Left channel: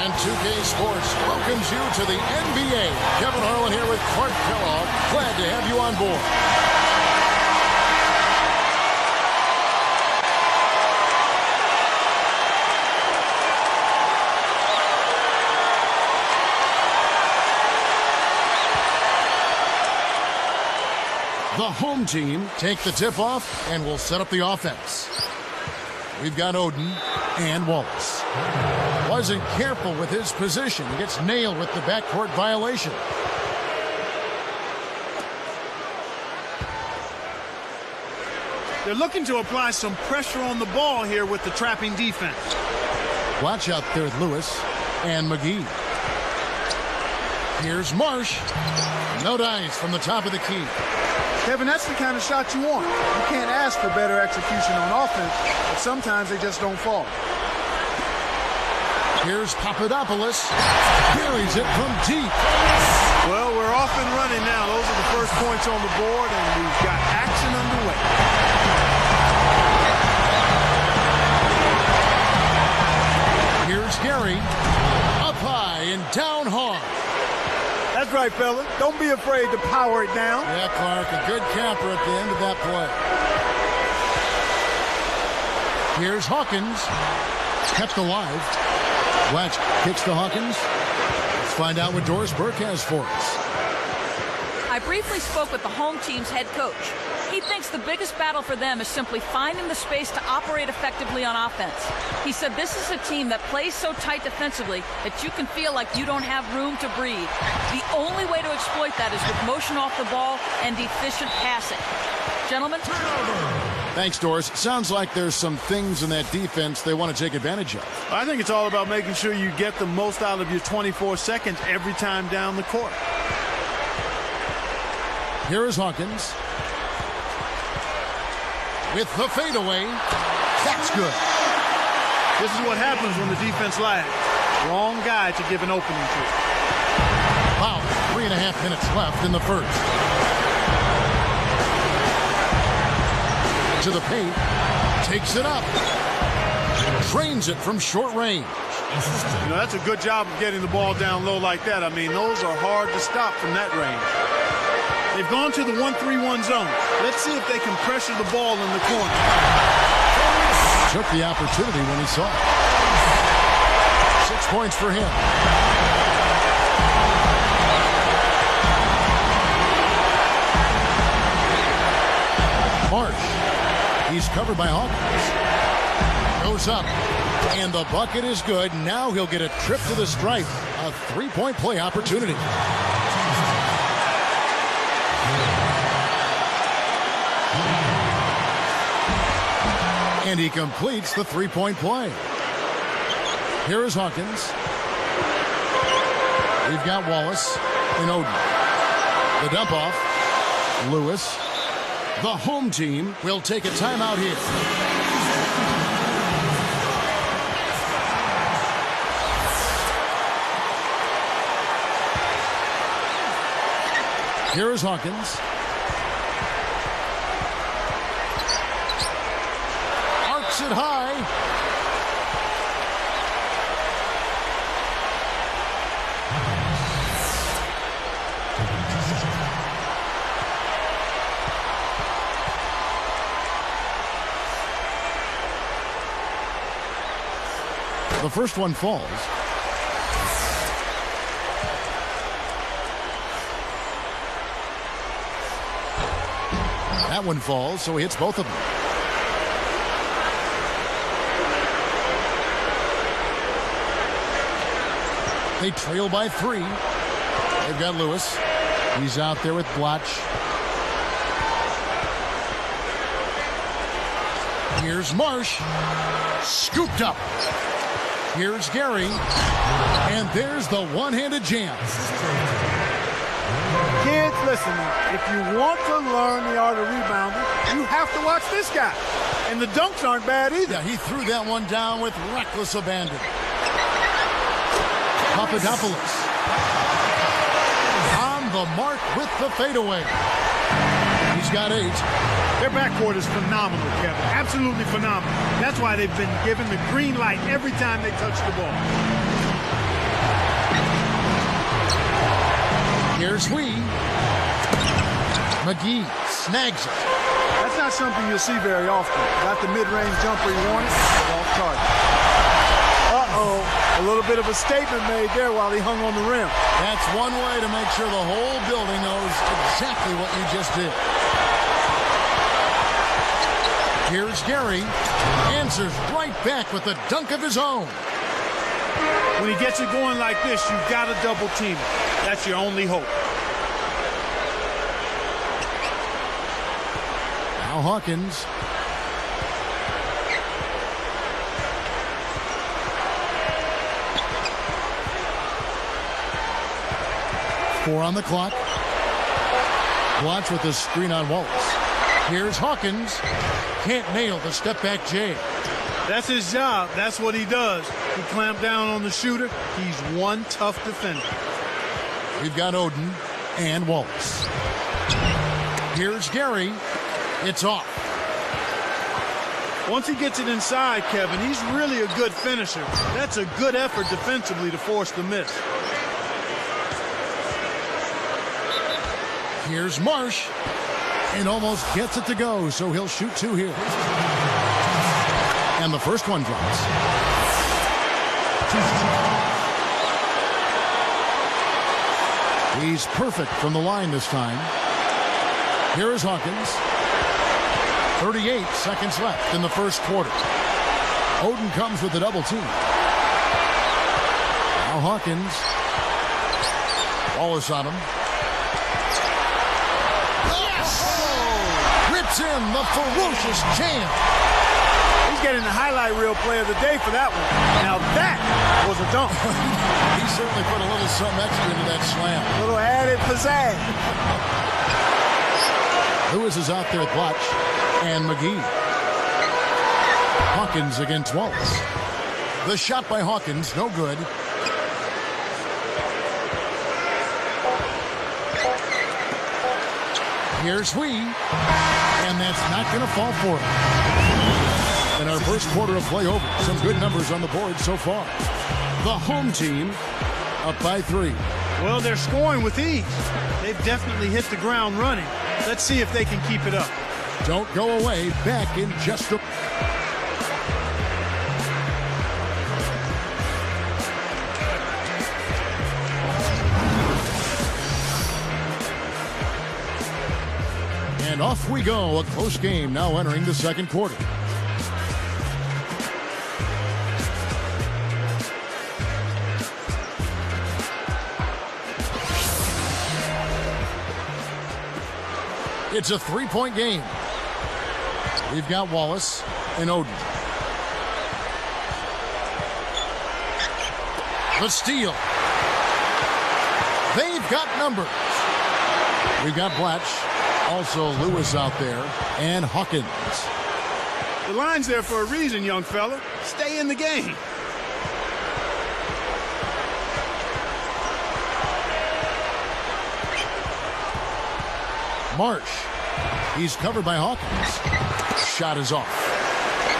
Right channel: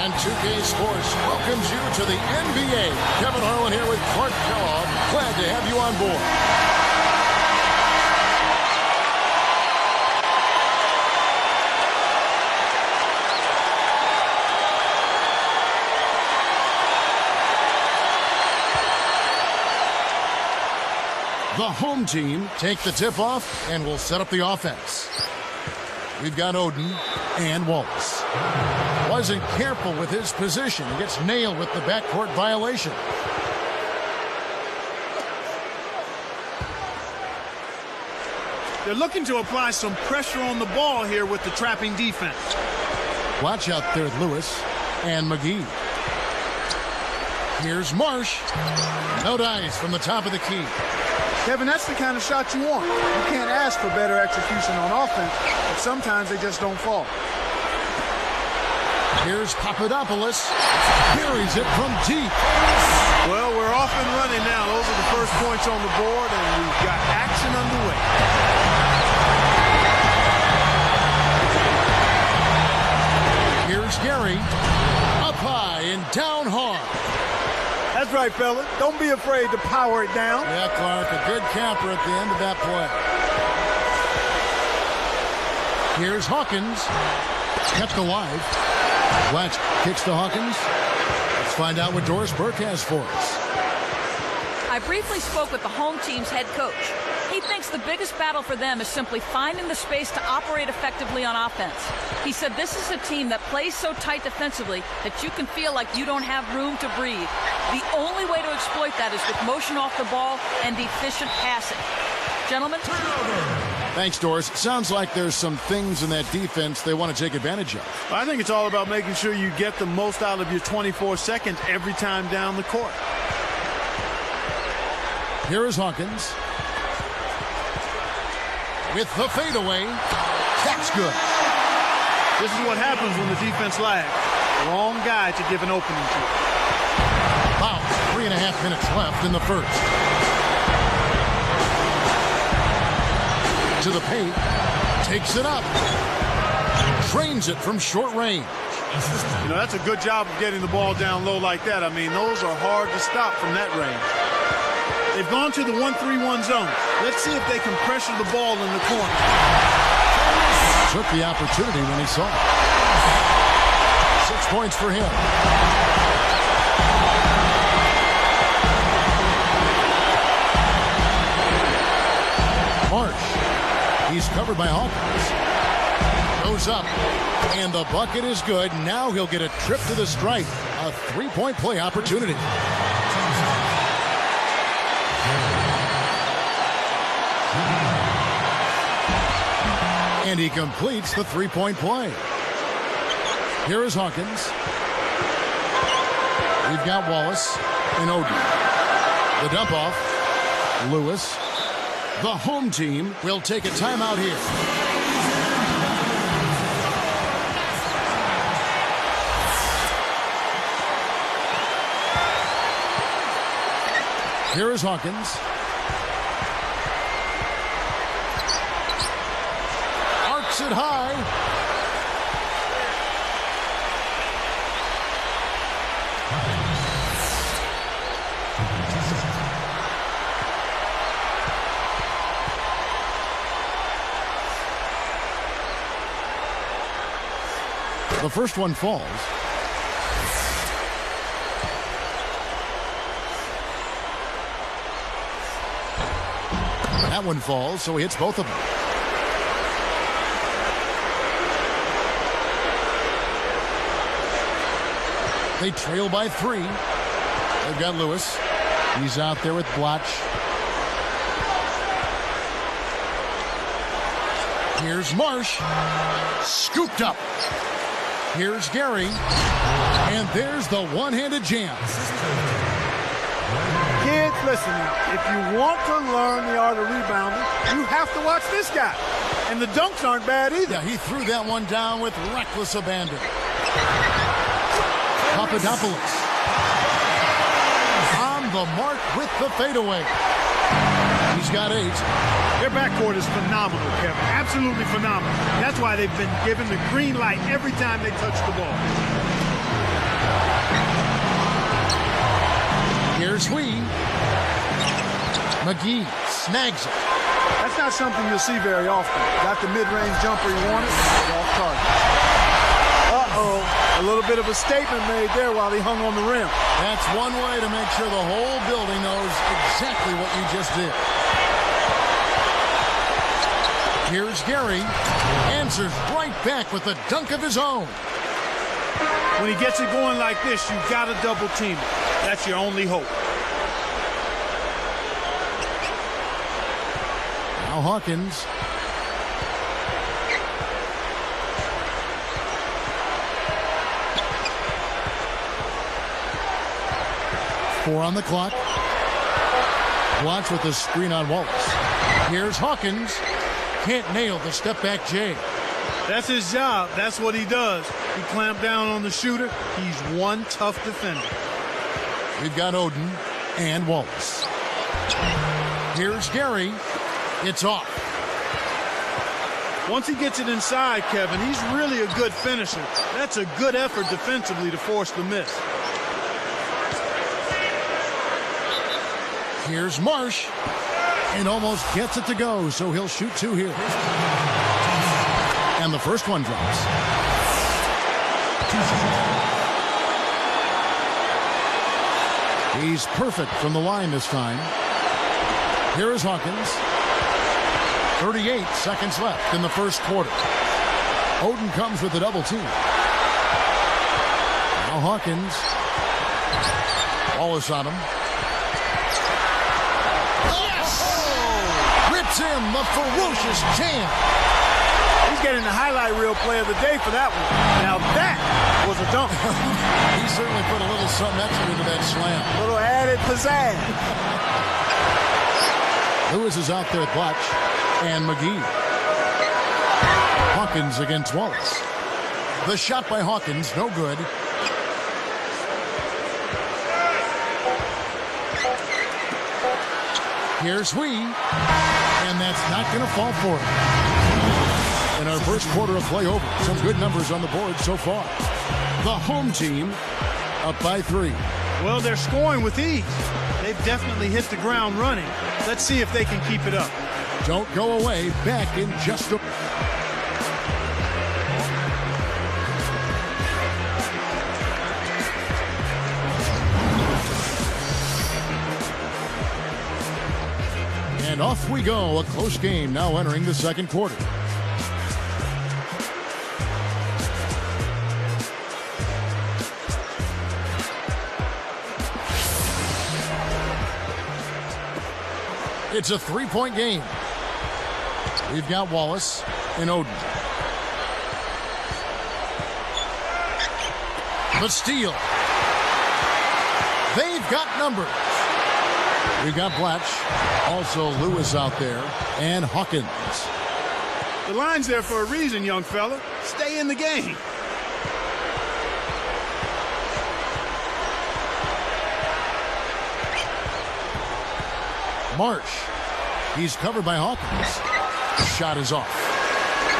And 2K Sports welcomes you to the NBA. Kevin Harlan here with Clark Kellogg. Glad to have you on board. The home team take the tip-off and will set up the offense. We've got Oden and Wallace. Wasn't careful with his position. He gets nailed with the backcourt violation. They're looking to apply some pressure on the ball here with the trapping defense. Watch out there, Lewis and McGee. Here's Marsh. No dice from the top of the key. Kevin, that's the kind of shot you want. You can't ask for better execution on offense, but sometimes they just don't fall. Here's Papadopoulos. Buries it from deep. Well, we're off and running now. Those are the first points on the board, and we've got action underway. Here's Gary. Up high and down hard. That's right, fella. Don't be afraid to power it down. Yeah, Clark, a good camper at the end of that play. Here's Hawkins. It's kept alive. Watch, kicks to Hawkins. Let's find out what Doris Burke has for us. I briefly spoke with the home team's head coach. He thinks the biggest battle for them is simply finding the space to operate effectively on offense. He said this is a team that plays so tight defensively that you can feel like you don't have room to breathe. The only way to exploit that is with motion off the ball and efficient passing. Gentlemen? Thanks, Doris. Sounds like there's some things in that defense they want to take advantage of. I think it's all about making sure you get the most out of your 24 seconds every time down the court. Here is Hawkins. With the fadeaway. That's good. This is what happens when the defense lags. Wrong guy to give an opening to. About 3.5 minutes left in the first. To the paint. Takes it up. Trains it from short range. You know, that's a good job of getting the ball down low like that. I mean, those are hard to stop from that range. They've gone to the 1-3-1 zone. Let's see if they can pressure the ball in the corner. Took the opportunity when he saw it. 6 points for him. Marsh. He's covered by Hawkins. Goes up. And the bucket is good. Now he'll get a trip to the stripe. A three-point play opportunity. And he completes the three-point play. Here is Hawkins. We've got Wallace and Oden. The dump off. Lewis. The home team will take a timeout here. Here is Hawkins. Arcs it high. The first one falls. That one falls, so he hits both of them. They trail by 3. They've got Lewis. He's out there with Blotch. Here's Marsh. Scooped up. Here's Gary. And there's the one-handed jam. Kids, listen now. If you want to learn the art of rebounding, you have to watch this guy. And the dunks aren't bad either. Yeah, he threw that one down with reckless abandon. Papadopoulos. On the mark with the fadeaway. He's got 8. Their backcourt is phenomenal, Kevin. Absolutely phenomenal. That's why they've been given the green light every time they touch the ball. Here's Hui. McGee snags it. That's not something you'll see very often. Got the mid-range jumper he wanted, but off target. Uh-oh, a little bit of a statement made there while he hung on the rim. That's one way to make sure the whole building knows exactly what you just did. Here's Gary. Answers right back with a dunk of his own. When he gets it going like this, you've got to double team it. That's your only hope. Now Hawkins. Four on the clock. Watch with the screen on Wallace. Here's Hawkins. Can't nail the step-back J. That's his job. That's what he does. He clamped down on the shooter. He's one tough defender. We've got Oden and Wallace. Here's Gary. It's off. Once he gets it inside, Kevin, he's really a good finisher. That's a good effort defensively to force the miss. Here's Marsh. And almost gets it to go, so he'll shoot two here. And the first one drops. He's perfect from the line this time. Here is Hawkins. 38 seconds left in the first quarter. Oden comes with a double team. Now Hawkins. Wallace on him. Rips in the ferocious jam. He's getting the highlight reel play of the day for that one. Now that was a dunk. He certainly put a little something extra into that slam. A little added pizzazz. Lewis is out there with Blatch and McGee. Hawkins against Wallace. The shot by Hawkins, no good. Here's Hui. And that's not going to fall for him. In our first quarter of play over, some good numbers on the board so far. The home team up by 3. Well, they're scoring with ease. They've definitely hit the ground running. Let's see if they can keep it up. Don't go away. Back in just a... And off we go. A close game now entering the second quarter. It's a three-point game. We've got Wallace and Oden. The steal. They've got numbers. We've got Blatch. Also Lewis out there, and Hawkins. The line's there for a reason, young fella. Stay in the game. Marsh. He's covered by Hawkins. Shot is off.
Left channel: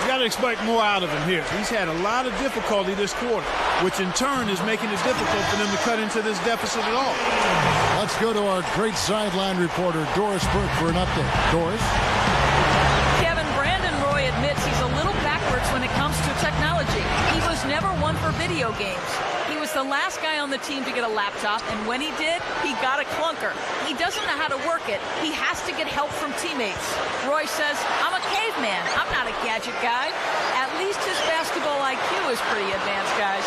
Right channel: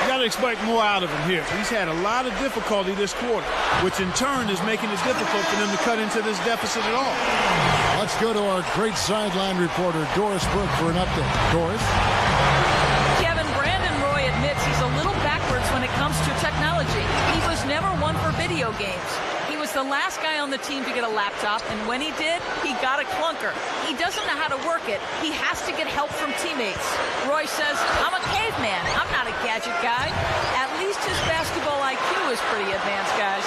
You got to expect more out of him here. He's had a lot of difficulty this quarter, which in turn is making it difficult for them to cut into this deficit at all. Let's go to our great sideline reporter, Doris Burke, for an update. Doris? Kevin, Brandon Roy admits he's a little backwards when it comes to technology. He was never one for video games. He was the last guy on the team to get a laptop, and when he did, he got a clunker. He doesn't know how to work it. He has to get help from teammates. Roy says, I'm a caveman. I'm not a gadget guy. At least his basketball IQ is pretty advanced, guys.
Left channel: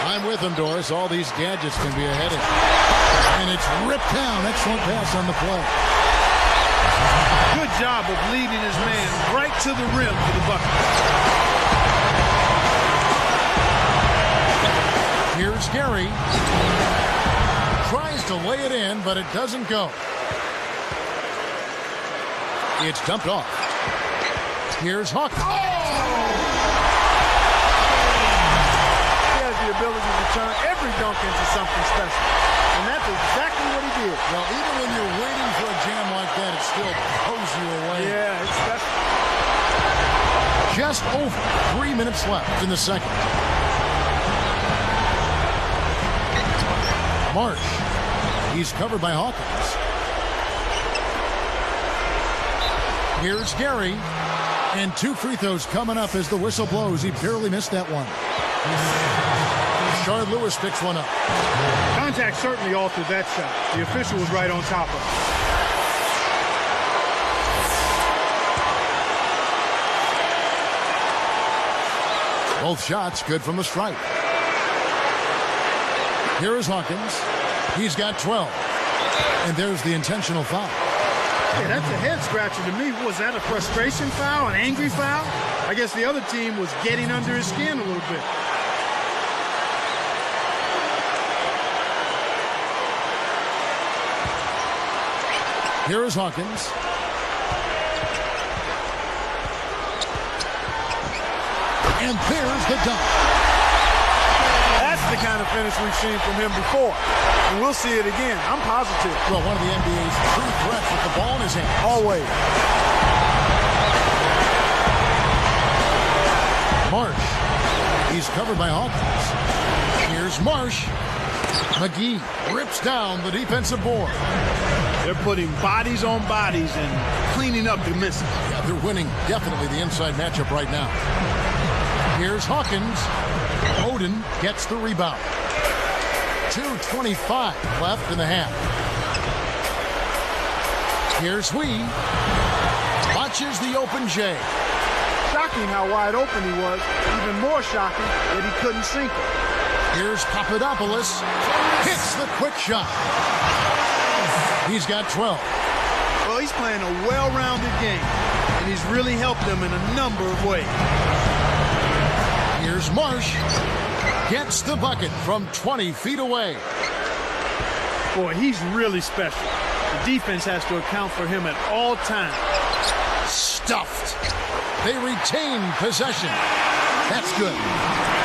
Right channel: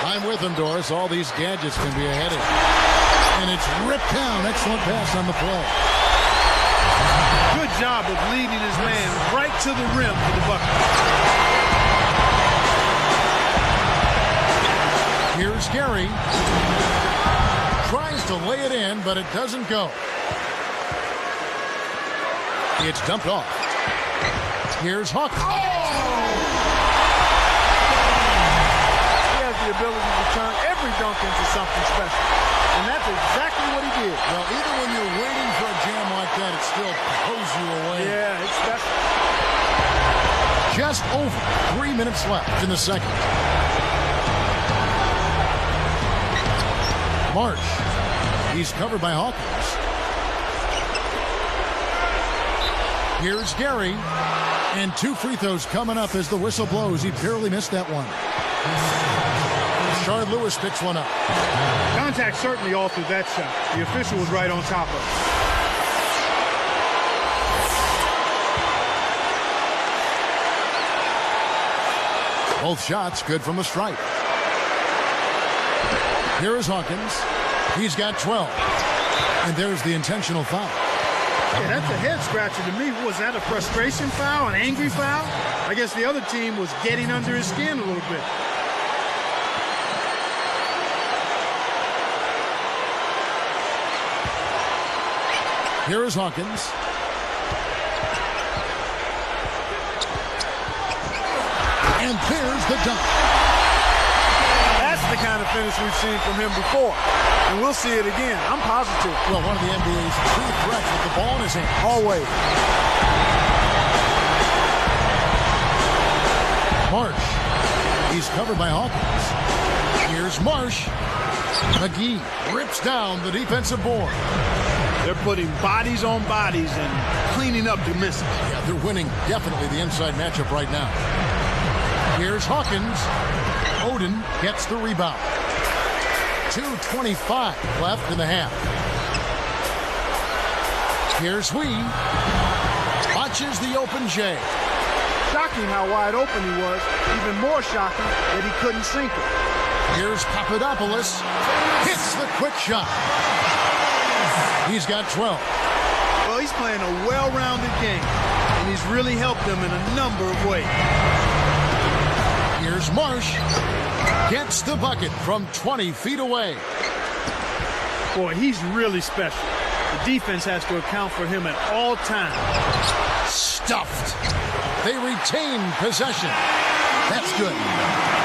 I'm with him, Doris. All these gadgets can be a headache. And it's ripped down. Excellent pass on the play. Good job of leading his man right to the rim for the bucket. Here's Gary. Tries to lay it in, but it doesn't go. It's dumped off. Here's Hawkins. He has the ability to turn every dunk into something special. And that's exactly what he did. Well, even when you're waiting for a jam like that, it still pulls you away. Yeah, it's special. Just over 3 minutes left in the second. Marsh He's covered by Hawkins. Here's Gary. And 2 free throws coming up as the whistle blows. He barely missed that one. Rashard Lewis picks one up. Contact certainly altered that shot. The official was right on top of it. Both shots good from the stripe. Here is Hawkins. He's got 12. And there's the intentional foul. Yeah, that's a head scratcher to me. Was that a frustration foul, an angry foul? I guess the other team was getting under his skin a little bit. Here is Hawkins. And there's the dunk. That's the kind of finish we've seen from him before. And we'll see it again. I'm positive. Well, one of the NBA's true threats with the ball in his hand. Always. Marsh. He's covered by Hawkins. Here's Marsh. McGee rips down the defensive board. They're putting bodies on bodies and cleaning up the misses. Yeah, they're winning definitely the inside matchup right now. Here's Hawkins. Oden gets the rebound. 2:25 left in the half. Here's Wee. Watches the open J. Shocking how wide open he was. Even more shocking that he couldn't sink it. Here's Papadopoulos. Hits the quick shot. He's got 12. Well, he's playing a well-rounded game, and he's really helped them in a number of ways. Here's Marsh. Gets the bucket from 20 feet away. Boy, he's really special. The defense has to account for him at all times. Stuffed. They retain possession. That's good.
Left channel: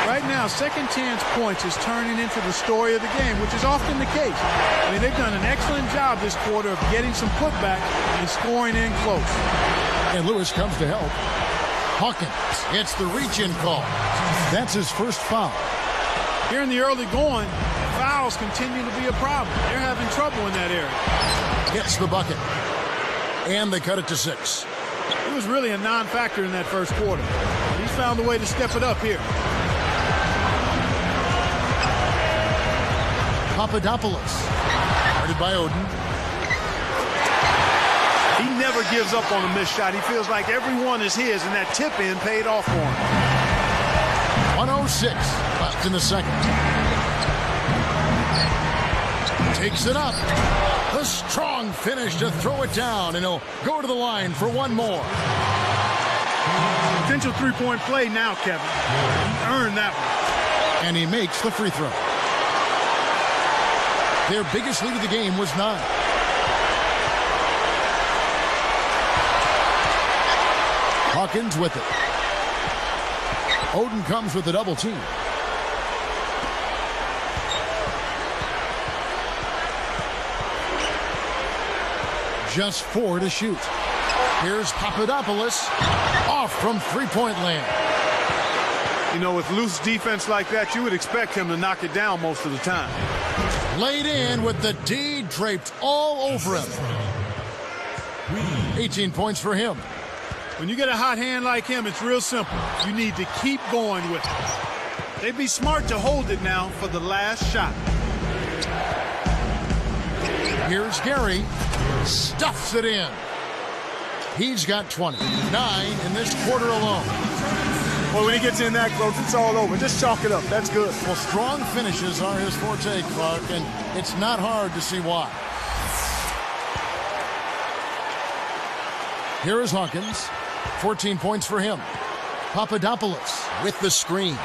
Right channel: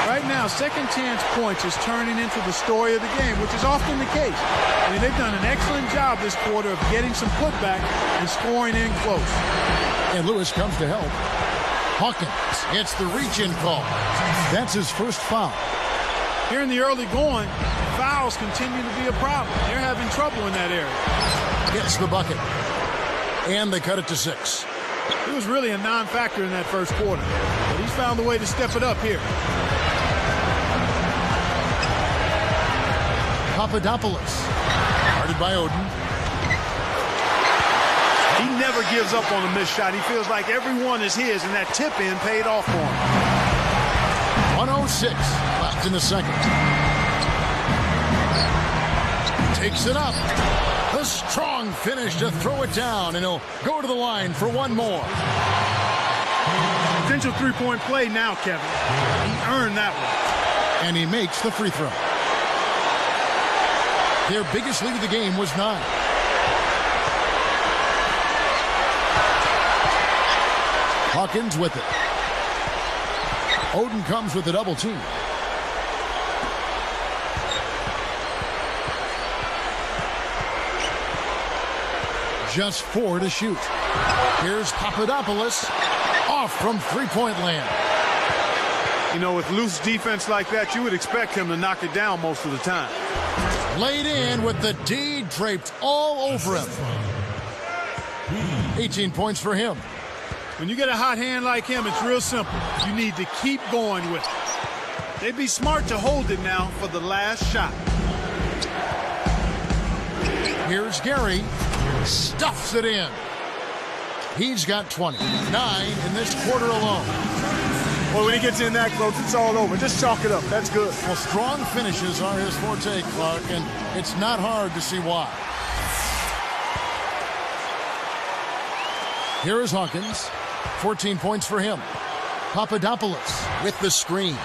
Right now, second chance points is turning into the story of the game, which is often the case. I mean, they've done an excellent job this quarter of getting some putback and scoring in close. And Lewis comes to help. Hawkins gets the reach-in call. That's his first foul. Here in the early going, fouls continue to be a problem. They're having trouble in that area. Gets the bucket. And they cut it to 6. He was really a non-factor in that first quarter, but he's found a way to step it up here. Papadopoulos. Guarded by Oden. He never gives up on a missed shot. He feels like every one is his, and that tip-in paid off for him. 1:06 left in the second. Takes it up. A strong finish to throw it down, and he'll go to the line for one more. Potential three-point play now, Kevin. He earned that one. And he makes the free throw. Their biggest lead of the game was 9. Hawkins with it. Oden comes with a double team. Just 4 to shoot. Here's Papadopoulos. Off from three-point land. You know, with loose defense like that, you would expect him to knock it down most of the time. Laid in with the D draped all over him. 18 points for him. When you get a hot hand like him, it's real simple. You need to keep going with it. They'd be smart to hold it now for the last shot. Here's Gary. Stuffs it in. He's got 20. 9 in this quarter alone. Well, when he gets in that close, it's all over. Just chalk it up. That's good. Well, strong finishes are his forte, Clark, and it's not hard to see why. Here is Hawkins. 14 points for him. Papadopoulos with the screen.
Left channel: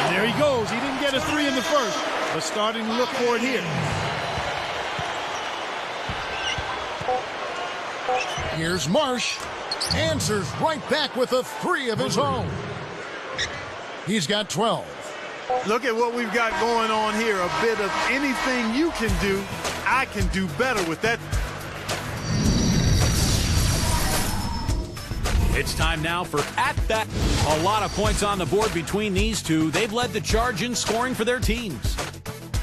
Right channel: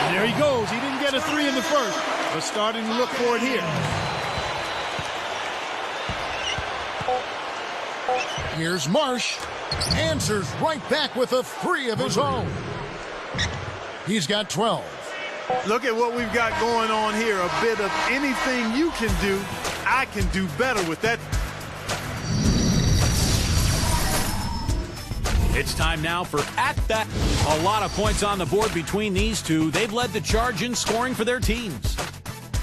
And there he goes. He didn't get a 3 in the first, but starting to look for it here. Here's Marsh. Answers right back with a 3 of his own. He's got 12. Look at what we've got going on here. A bit of anything you can do, I can do better with that. It's time now for At That. A lot of points on the board between these two. They've led the charge in scoring for their teams.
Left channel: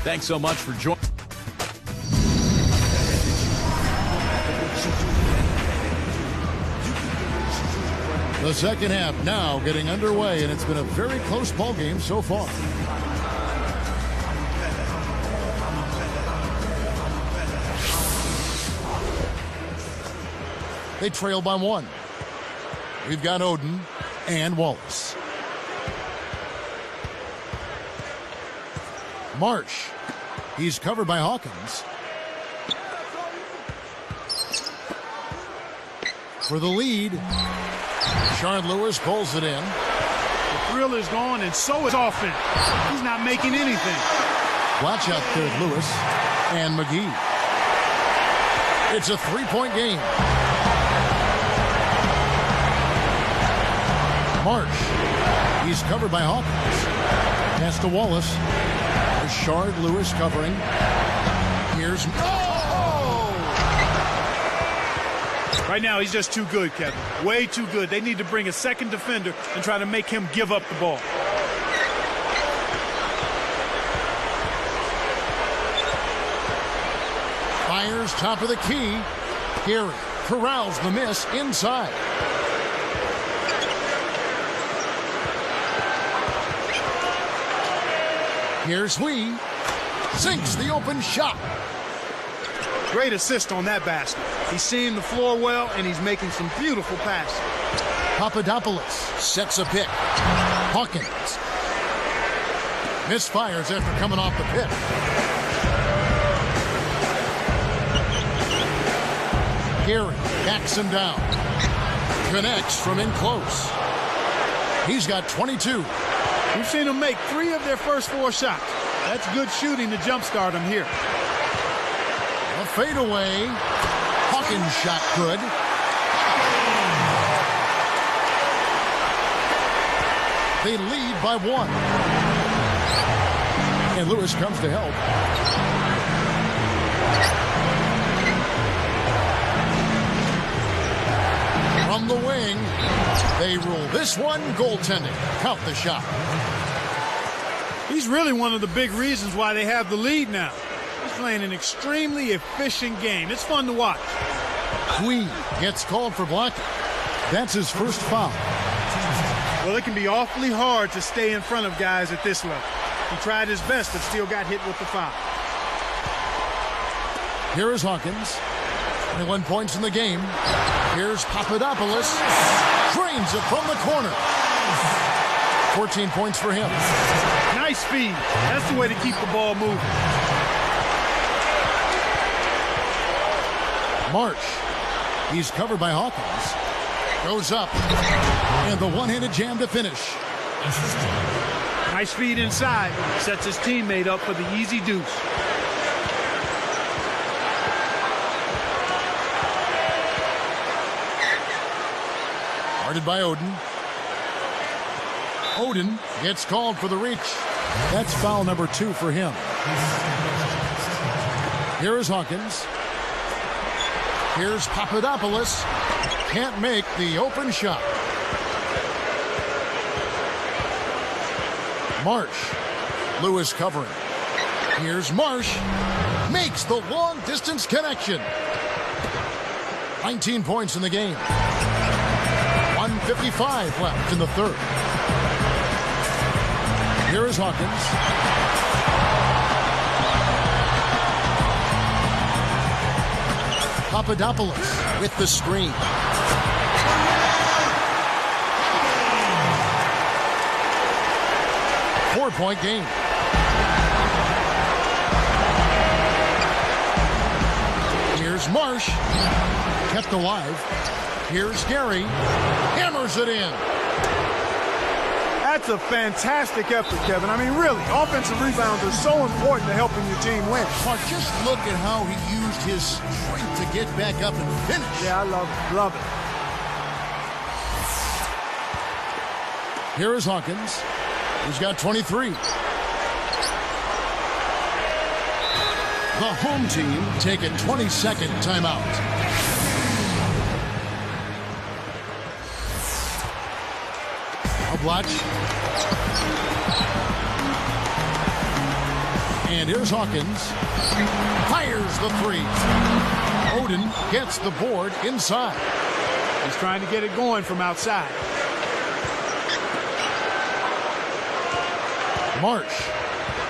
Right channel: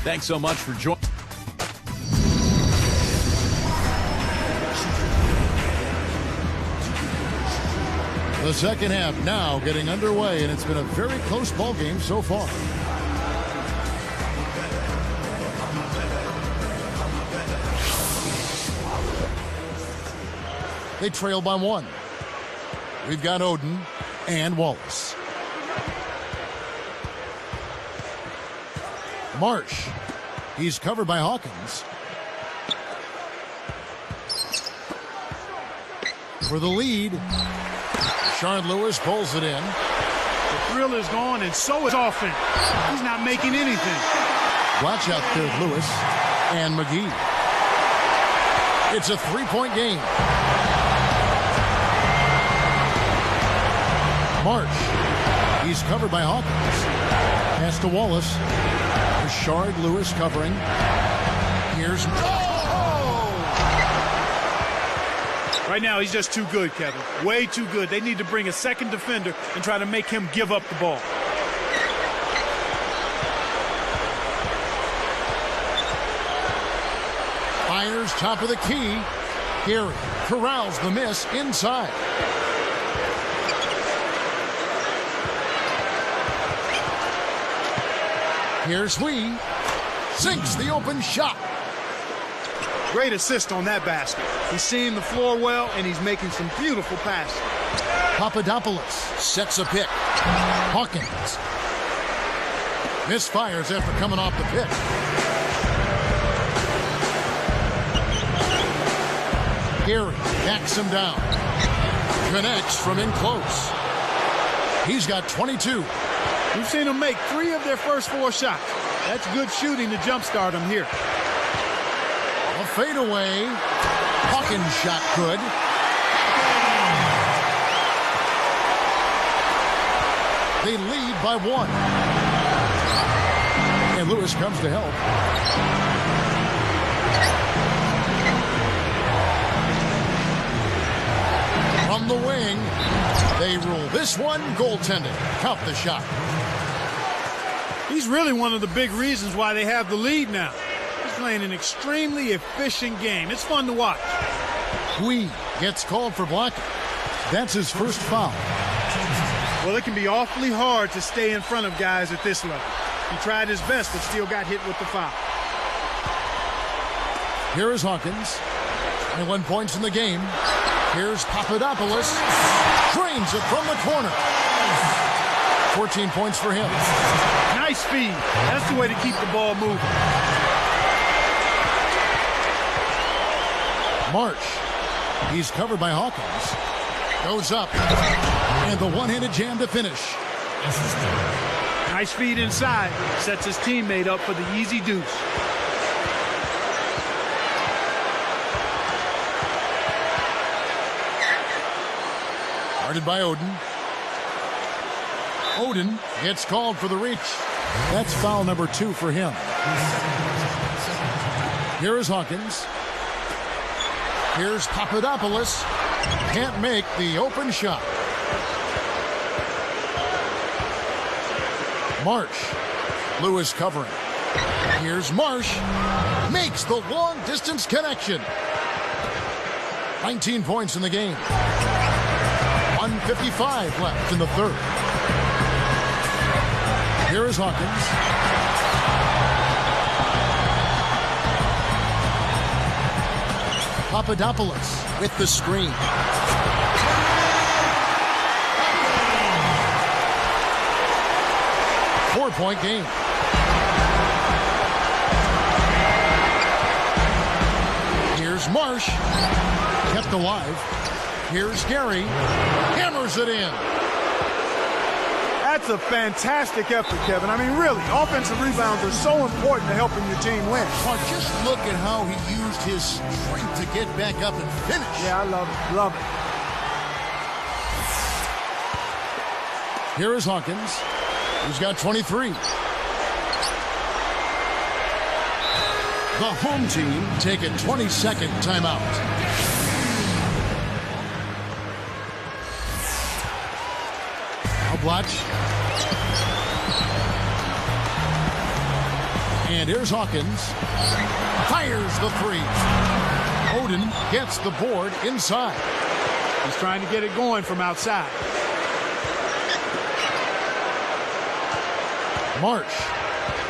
Thanks so much for joining. The second half now getting underway, and it's been a very close ball game so far. They trail by 1. We've got Oden and Wallace. Marsh. He's covered by Hawkins. For the lead, Shard Lewis pulls it in. The thrill is gone, and so is offense. He's not making anything. Watch out there, Lewis and McGee. It's a 3-point game. Marsh. He's covered by Hawkins. Pass to Wallace. There's Shard Lewis covering. Here's... Right now, he's just too good, Kevin. Way too good. They need to bring a second defender and try to make him give up the ball. Fires top of the key. Gary corrals the miss inside. Here's Hui. Sinks the open shot. Great assist on that basket. He's seeing the floor well, and he's making some beautiful passes. Papadopoulos sets a pick. Hawkins misfires after coming off the pick. Gary backs him down. Connects from in close. He's got 22. We've seen them make 3 of their first 4 shots. That's good shooting to jumpstart them here. A fadeaway. Hawkins shot good. They lead by 1. And Lewis comes to help. From the wing, they rule this one goaltending. Count the shot. He's really one of the big reasons why they have the lead now. He's playing an extremely efficient game. It's fun to watch. Hui gets called for blocking. That's his first foul. Well, it can be awfully hard to stay in front of guys at this level. He tried his best, but still got hit with the foul. Here is Hawkins. 21 points in the game. Here's Papadopoulos. Drains it from the corner. 14 points for him. Nice speed. That's the way to keep the ball moving. Marsh. He's covered by Hawkins. Goes up. And the one-handed jam to finish. Nice feed inside. Sets his teammate up for the easy deuce. Guarded by Oden. Oden gets called for the reach. That's foul number 2 for him. Here is Hawkins. Here's Papadopoulos. Can't make the open shot. Marsh. Lewis covering. Here's Marsh. Makes the long distance connection. 19 points in the game. 1:55 left in the third. Here is Hawkins. Papadopoulos with the screen. Four-point game. Here's Marsh. Kept alive. Here's Gary. Hammers it in. That's a fantastic effort, Kevin. I mean, really, offensive rebounds are so important to helping your team win. Well, just look at how he used his strength to get back up and finish. Yeah, I love it. Love it. Here is Hawkins. He's got 23. The home team take a 20-second timeout. Blotch. And here's Hawkins. Fires the 3. Oden gets the board inside. He's trying to get it going from outside. Marsh.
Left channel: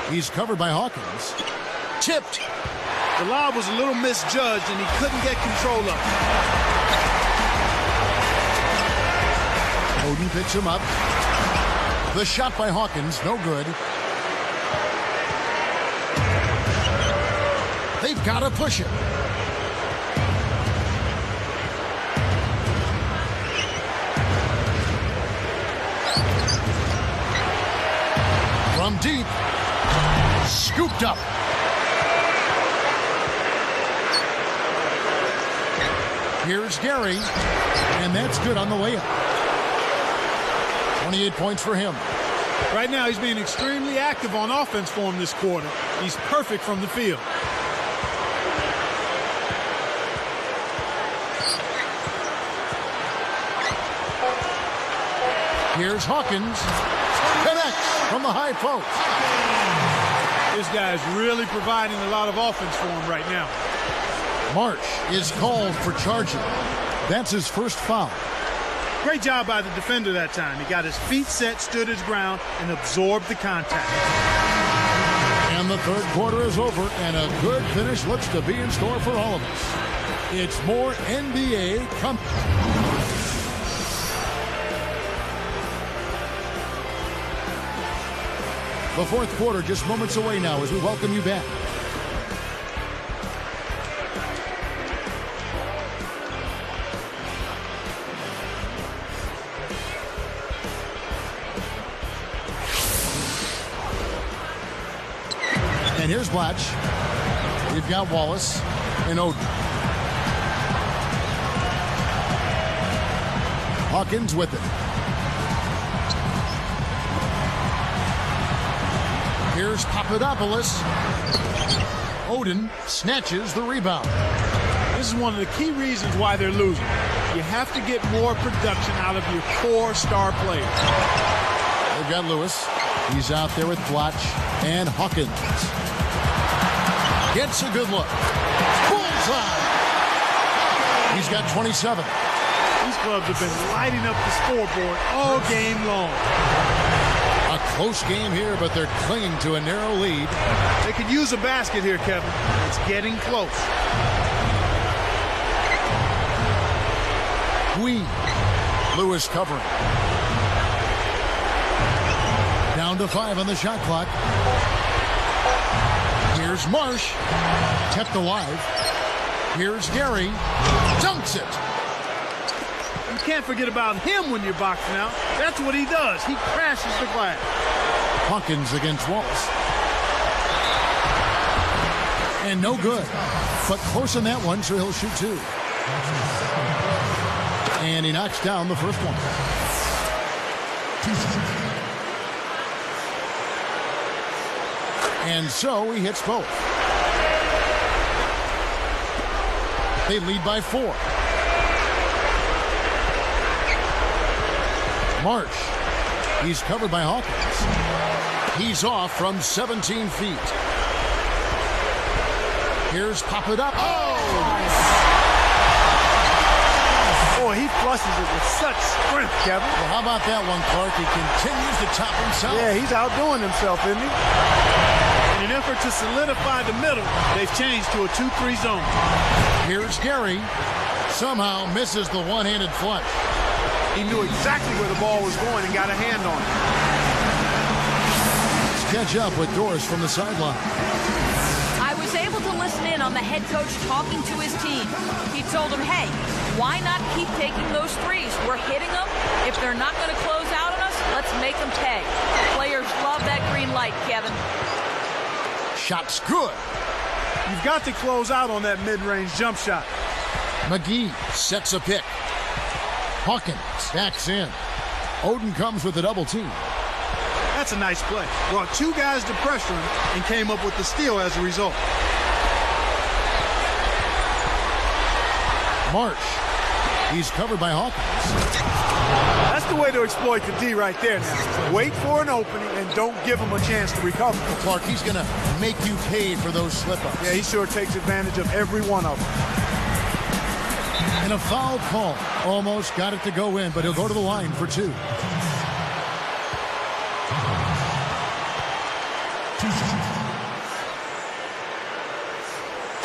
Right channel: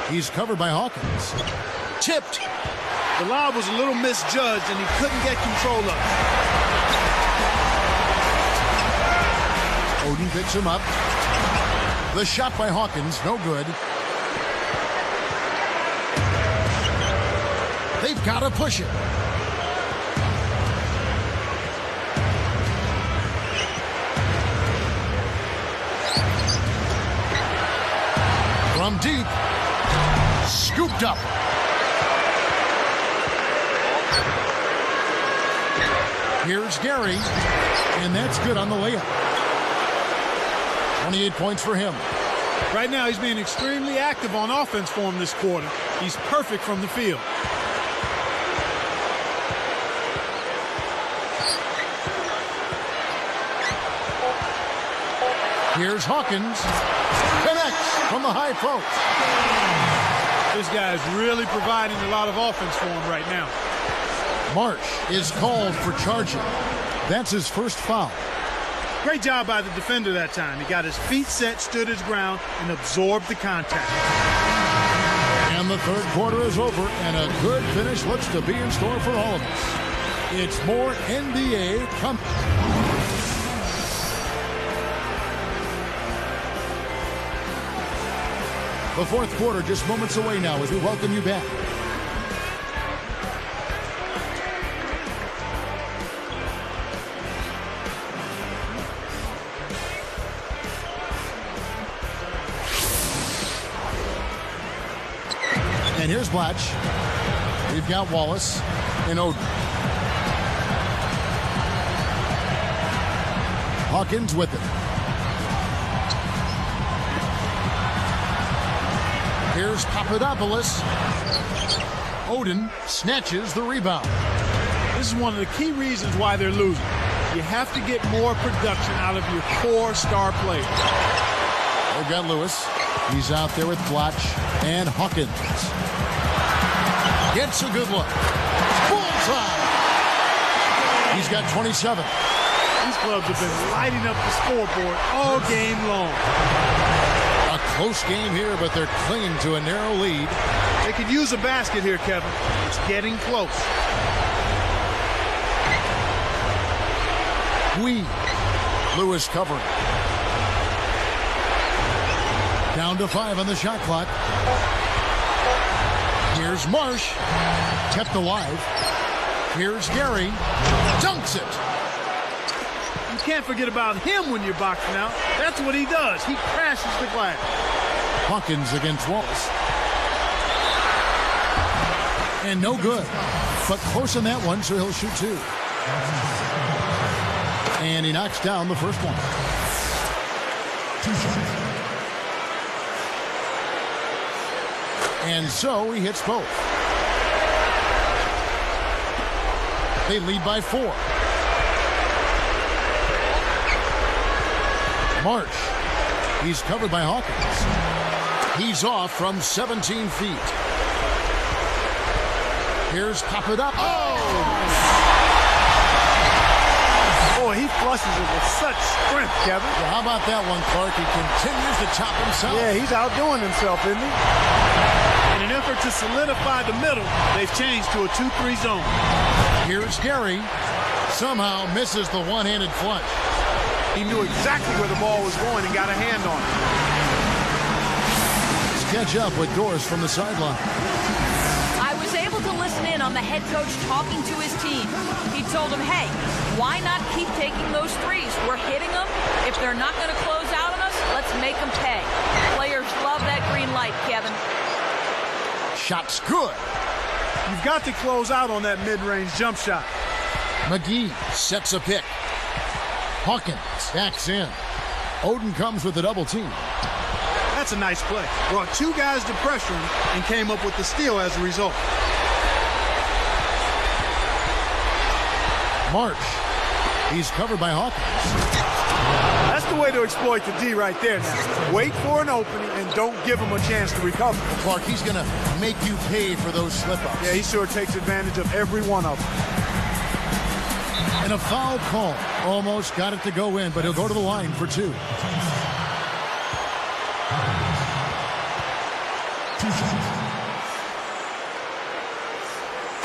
He's covered by Hawkins. Tipped. The lob was a little misjudged, and he couldn't get control of it. Oden picks him up. The shot by Hawkins, no good. They've got to push it. From deep. Scooped up. Here's Gary. And that's good on the layup. 28 points for him. Right now, he's being extremely active on offense for him this quarter. He's perfect from the field. Here's Hawkins. Connects from the high post. This guy's really providing a lot of offense for him right now. Marsh is called for charging. That's his first foul. Great job by the defender that time. He got his feet set, stood his ground, and absorbed the contact. And the third quarter is over, and a good finish looks to be in store for all of us. It's more NBA coming. The fourth quarter just moments away now as we welcome you back. And here's Blatch. We've got Wallace and Oden. Hawkins with it. Here's Papadopoulos. Oden snatches the rebound. This is one of the key reasons why they're losing. You have to get more production out of your core star players. They've got Lewis. He's out there with Blatch and Hawkins. Gets a good look. Bullseye. He's got 27. These clubs have been lighting up the scoreboard all game long. A close game here, but they're clinging to a narrow lead. They could use a basket here, Kevin. It's getting close. Lewis covering. Down to 5 on the shot clock. Here's Marsh. Kept alive. Here's Gary. Dunks it. You can't forget about him when you're boxing out. That's what he does. He crashes the glass. Hawkins against Wallace. And no good. But close on that one, so he'll shoot 2. And he knocks down the first one. And so he hits both. They lead by 4. Marsh. He's covered by Hawkins. He's off from 17 feet. Here's Papadopoulos. Boy, he flushes it with such strength, Kevin. Yeah, how about that one, Clark? He continues to chop himself. Yeah, he's outdoing himself, isn't he? In an effort to solidify the middle, they've changed to a 2-3 zone. Here's Gary. Somehow misses the one-handed flush. He knew exactly where the ball was going and got a hand on it. Let's catch up with Doris from the sideline. I was able to listen in on the head coach talking to his team. He told them, hey, why not keep taking those threes? We're hitting them. If they're not going to close out on us, let's make them pay. Players love that green light, Kevin. Shot's good. You've got to close out on that mid-range jump shot. McGee sets a pick. Hawkins backs in. Oden comes with a double team. That's a nice play. Brought 2 guys to pressure him and came up with the steal as a result. Marsh. He's covered by Hawkins. That's the way to exploit the D right there now. Wait for an opening and don't give him a chance to recover. Well, Clark, he's going to make you pay for those slip-ups. Yeah, he sure takes advantage of every one of them. And a foul call. Almost got it to go in, but he'll go to the line for 2.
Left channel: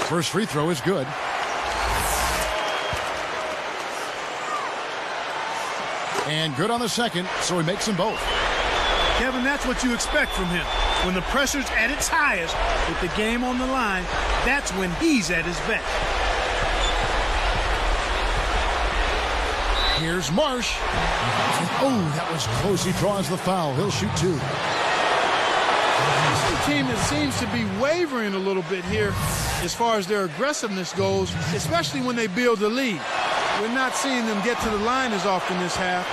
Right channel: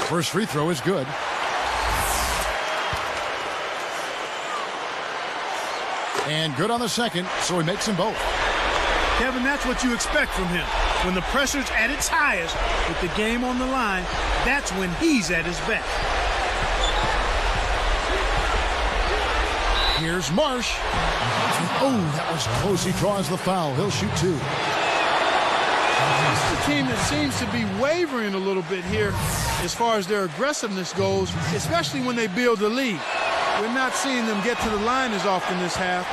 First free throw is good. And good on the second, so he makes them both. Kevin, that's what you expect from him. When the pressure's at its highest, with the game on the line, that's when he's at his best. Here's Marsh. And, oh, that was close. He draws the foul. He'll shoot two. This is a team that seems to be wavering a little bit here as far as their aggressiveness goes, especially when they build a lead. We're not seeing them get to the line as often this half,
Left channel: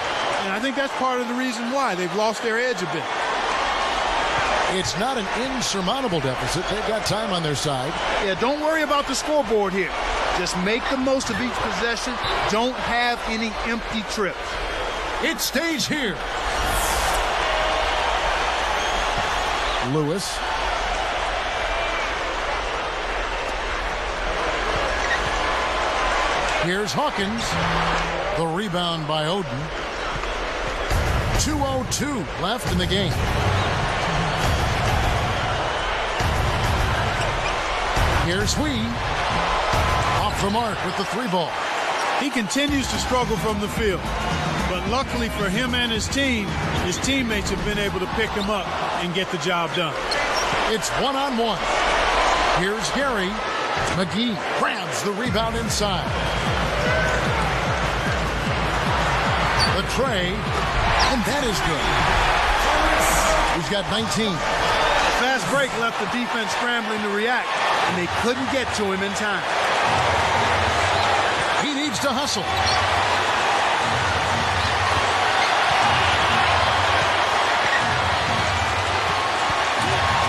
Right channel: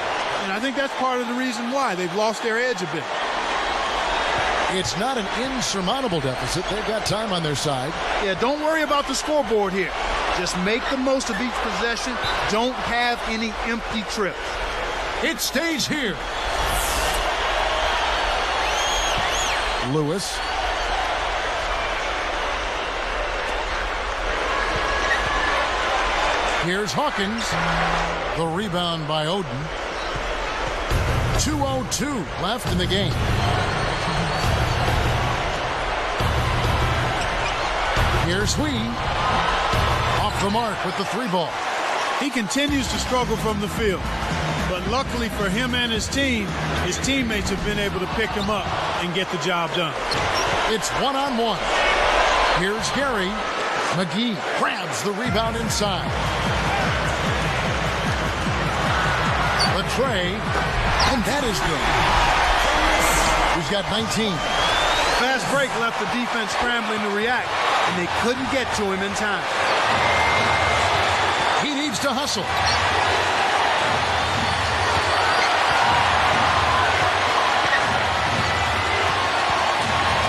and I think that's part of the reason why they've lost their edge a bit. It's not an insurmountable deficit. They've got time on their side. Yeah, don't worry about the scoreboard here. Just make the most of each possession. Don't have any empty trips. It stays here. Lewis. Here's Hawkins. The rebound by Oden. 2:02 left in the game. Here's Hui. Off the mark with the three ball. He continues to struggle from the field. But luckily for him and his team, his teammates have been able to pick him up and get the job done. It's one-on-one. Here's Gary. McGee grabs the rebound inside. The tray, and that is good. He's got 19. The fast break left the defense scrambling to react, and they couldn't get to him in time. He needs to hustle.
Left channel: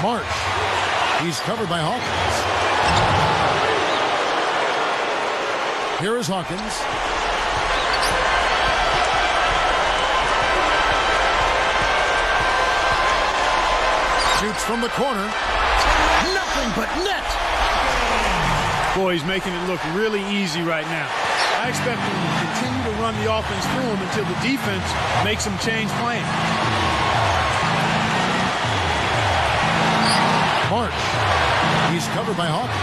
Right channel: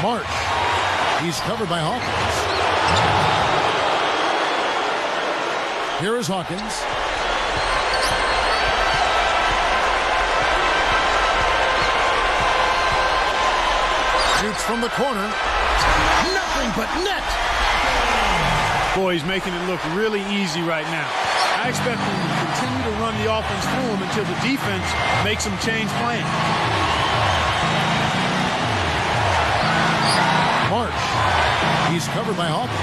March. He's covered by Hawkins. Here is Hawkins. Shoots from the corner. Nothing but net. Boy, he's making it look really easy right now. I expect him to continue to run the offense through him until the defense makes him change plans. March. He's covered by Hawkins.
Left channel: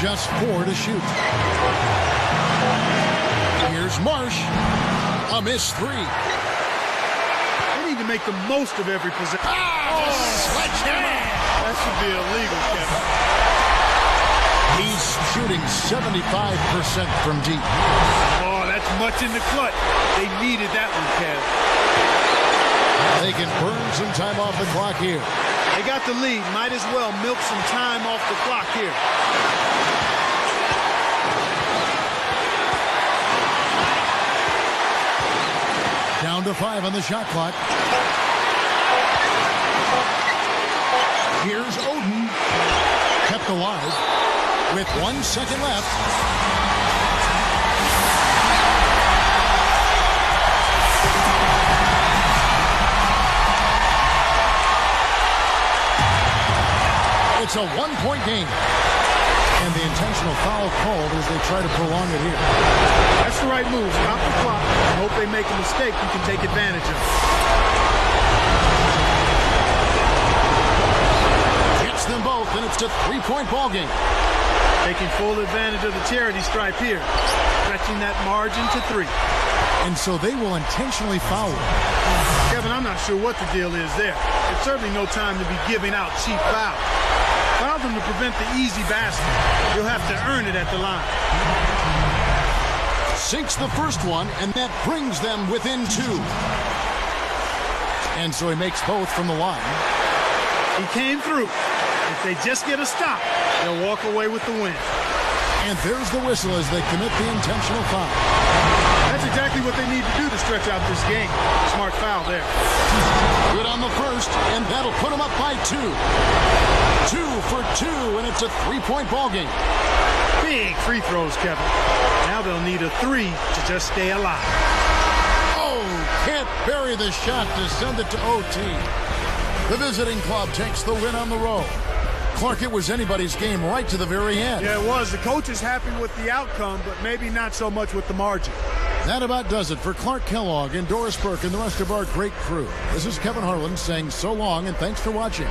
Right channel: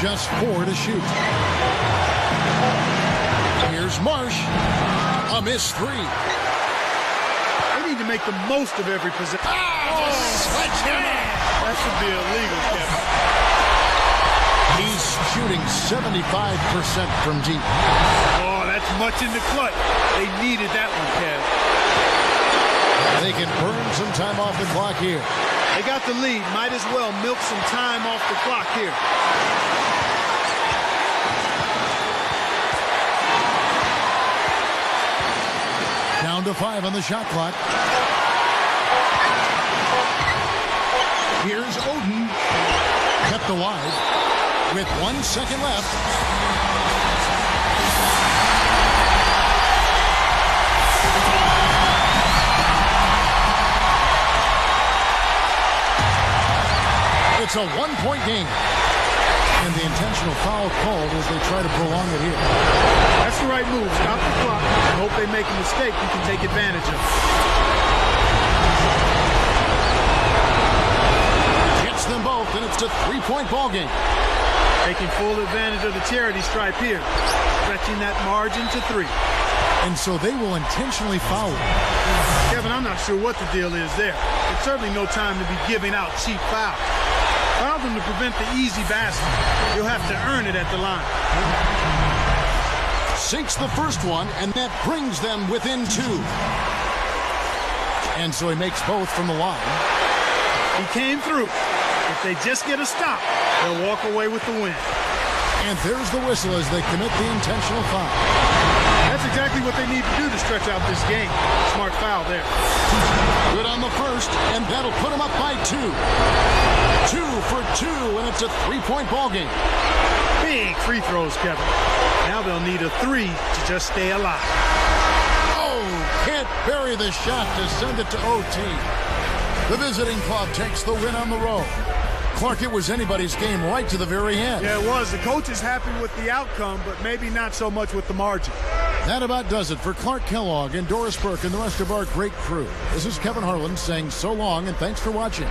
Just 4 to shoot. Here's Marsh. A missed three. They need to make the most of every possession. Sledgehammer. That should be illegal, Kevin. He's shooting 75% from deep. Oh, that's much in the clutch. They needed that one, Kev. They can burn some time off the clock here. They got the lead. Might as well milk some time off the clock here. Down to 5 on the shot clock. Here's Oden. Kept alive with 1 second left. It's a 1-point game. And the intentional foul called as they try to prolong it here. That's the right move. Stop the clock and hope they make a mistake you can take advantage of. Gets them both, and it's a 3-point ball game. Taking full advantage of the charity stripe here. Stretching that margin to 3. And so they will intentionally foul. Kevin, I'm not sure what the deal is there. It's certainly no time to be giving out cheap fouls. Foul them to prevent the easy basket. You'll have to earn it at the line. Sinks the first one, and that brings them within 2. And so he makes both from the line. He came through. If they just get a stop, they'll walk away with the win. And there's the whistle as they commit the intentional foul. That's exactly what they need to do to stretch out this game. Smart foul there. Good on the first, and that'll put them up by 2. 2 for 2, and it's a 3-point ball game. Big free throws, Kevin. Now they'll need a 3 to just stay alive. Oh, can't bury the shot to send it to OT. The visiting club takes the win on the road. Clark, it was anybody's game right to the very end. Yeah, it was. The coach is happy with the outcome, but maybe not so much with the margin. That about does it for Clark Kellogg and Doris Burke and the rest of our great crew. This is Kevin Harlan saying so long and thanks for watching.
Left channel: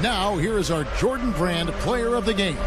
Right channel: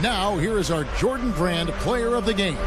Now, here is our Jordan Brand Player of the Game.